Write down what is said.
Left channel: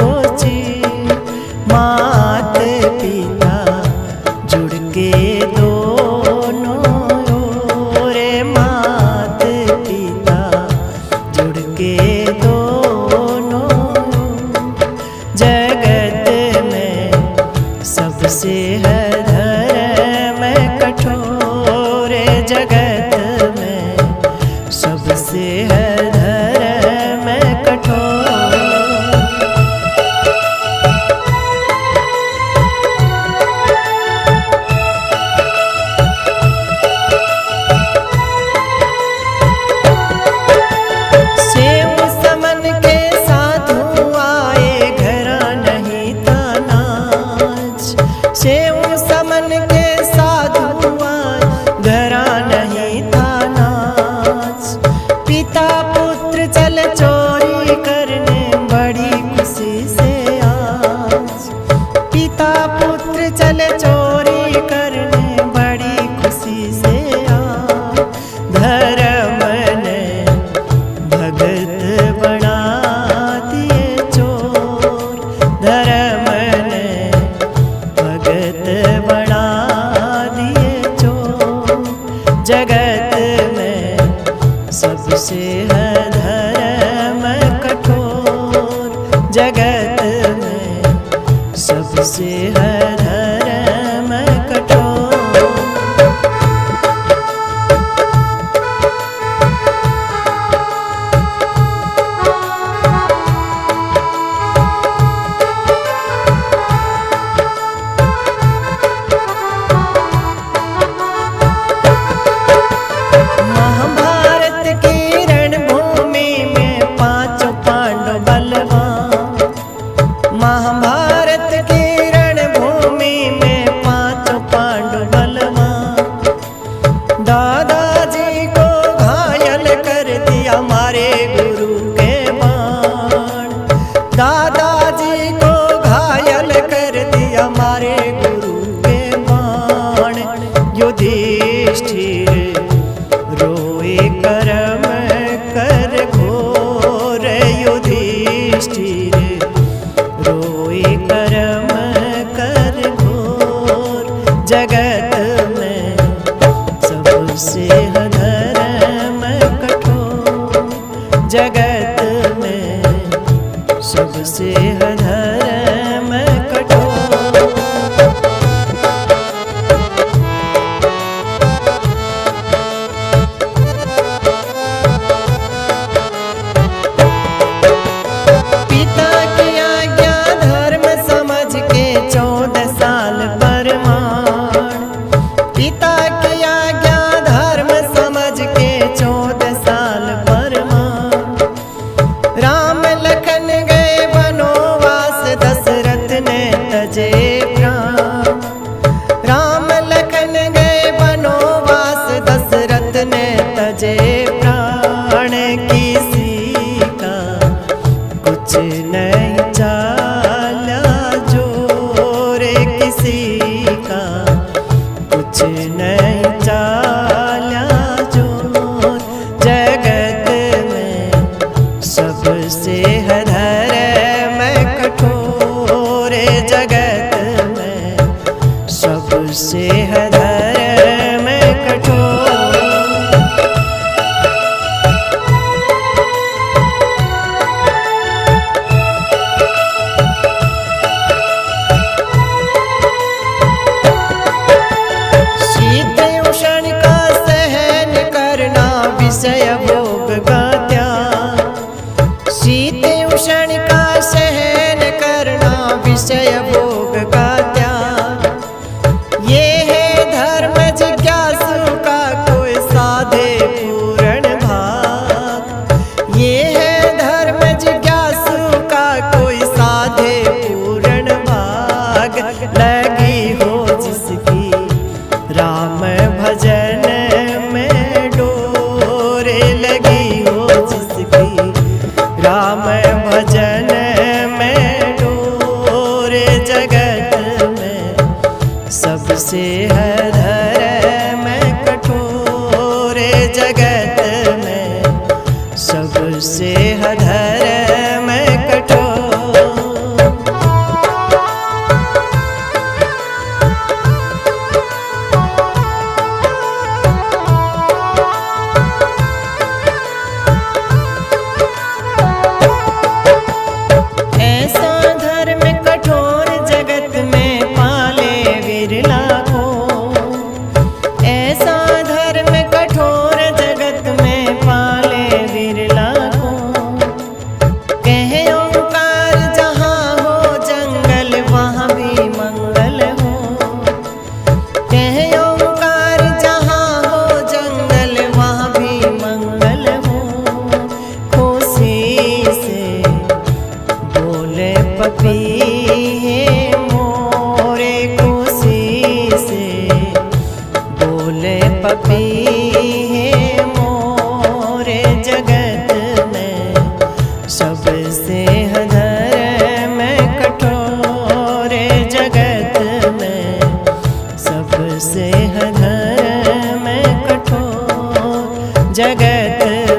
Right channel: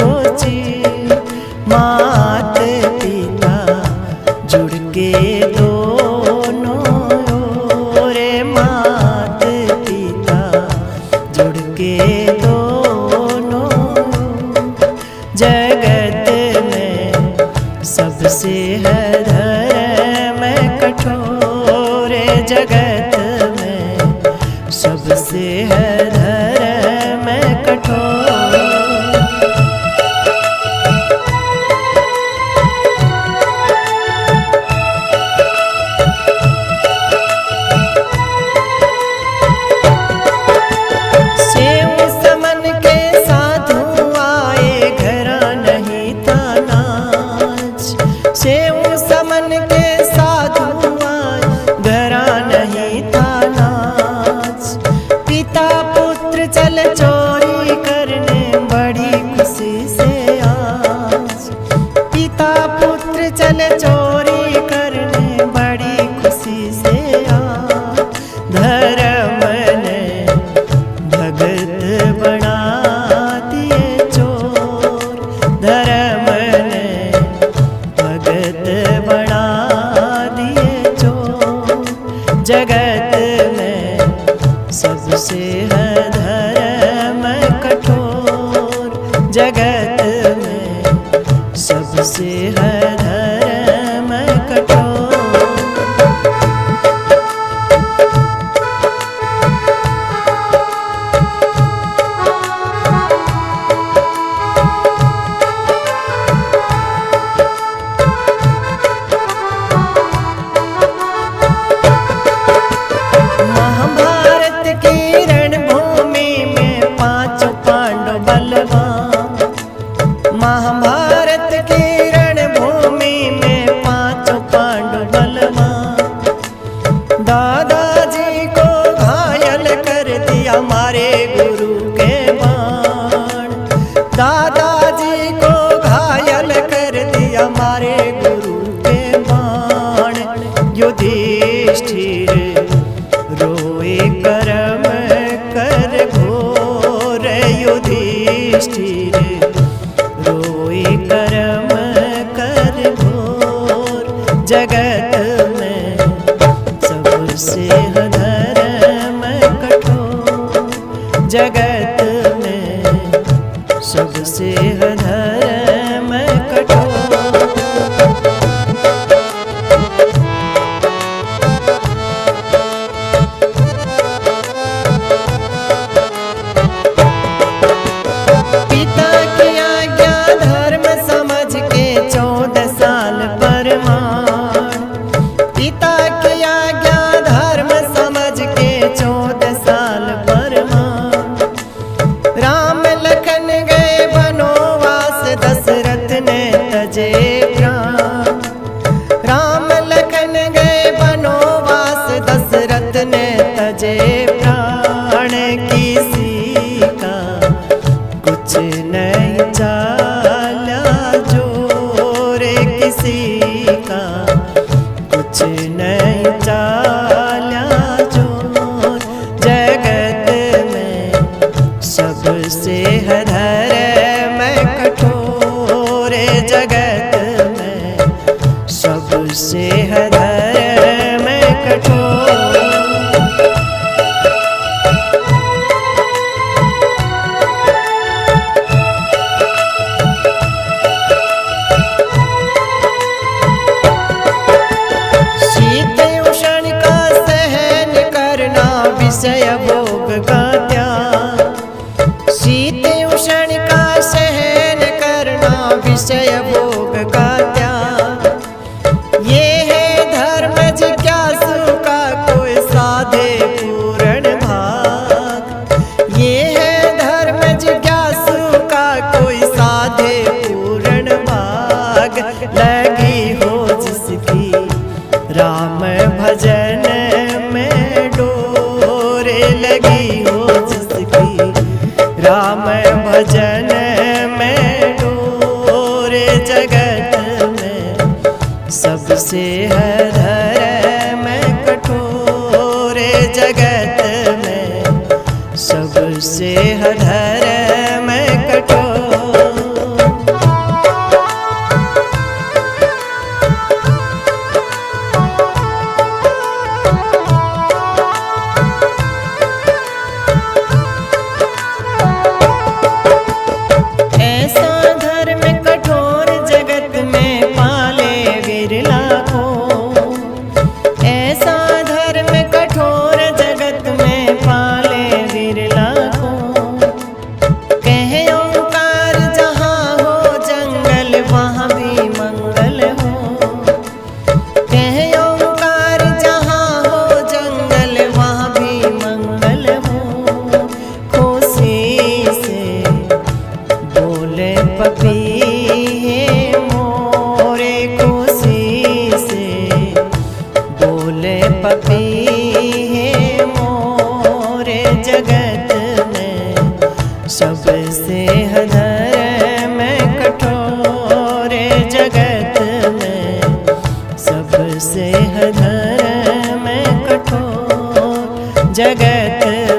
कोची। मात पिता जुड़ के दोनों रे, मात पिता जुड़ के दोनों। जगत में सबसे है धर्म कठोर, जगत में सबसे है धर्म कठोर। सेव समन के साधु आए, घरा नहीं था नाच। सेव समन के साधु आए, घरा नहीं था नाच। पिता पुत्र चल चोरी करने, बड़ी खुशी से आज। पिता पुत्र चल चोरी करने, बड़ी खुशी से आज। धर्म ने भगत बना दिए चोर, धर्म ने भगत बना दिए चोर। जगत में सबसे है धर्म कठोर, जगत में सबसे है धर्म कठोर। महाभारत की रणभूमि में पांचों पांडव बलवान। महाभारत की रणभूमि में पांचों पांडव बलवान। दादाजी को घायल कर दिया मारे गुरु के बाण। दादाजी को घायल कर दिया मारे गुरु के बाण। युधिष्ठिर रोए कर्म कर घोर, युधिष्ठिर रोए कर्म कर घोर। जगत में सबसे है धर्म कठोर, जगत में सबसे है धर्म कठोर। पिता की आज्ञा धर्म समझ के 14 साल परमाण। पिता की आज्ञा धर्म समझ के 14 साल परमाण। राम लखन गए वनवास, दशरथ ने तजे प्राण। राम लखन गए वनवास, दशरथ ने तजे प्राण। किसी का कुछ नहीं चाला जोर, किसी का कुछ नहीं चाला जोर। जगत में सबसे है धर्म कठोर, जगत में सबसे है धर्म कठोर। शीत उष्ण का सहन करना, विषय भोग का त्याग। शीत उष्ण का सहन करना, विषय भोग का त्याग। ये है धर्म जिज्ञासु का कोई साधे पूर्ण भाग। ये है धर्म जिज्ञासु का कोई साधे पूर्ण भाग। लगी हो जिसकी राम भजन में डोर, लगी हो जिसकी राम भजन में डोर। जगत में सबसे है धर्म कठोर, जगत में सबसे है धर्म कठोर। है मोरे खुशी से बोले पपी है मोरे जगत में सबसे धर्म कठोर जगत में सबसे धर्म कठोर जगत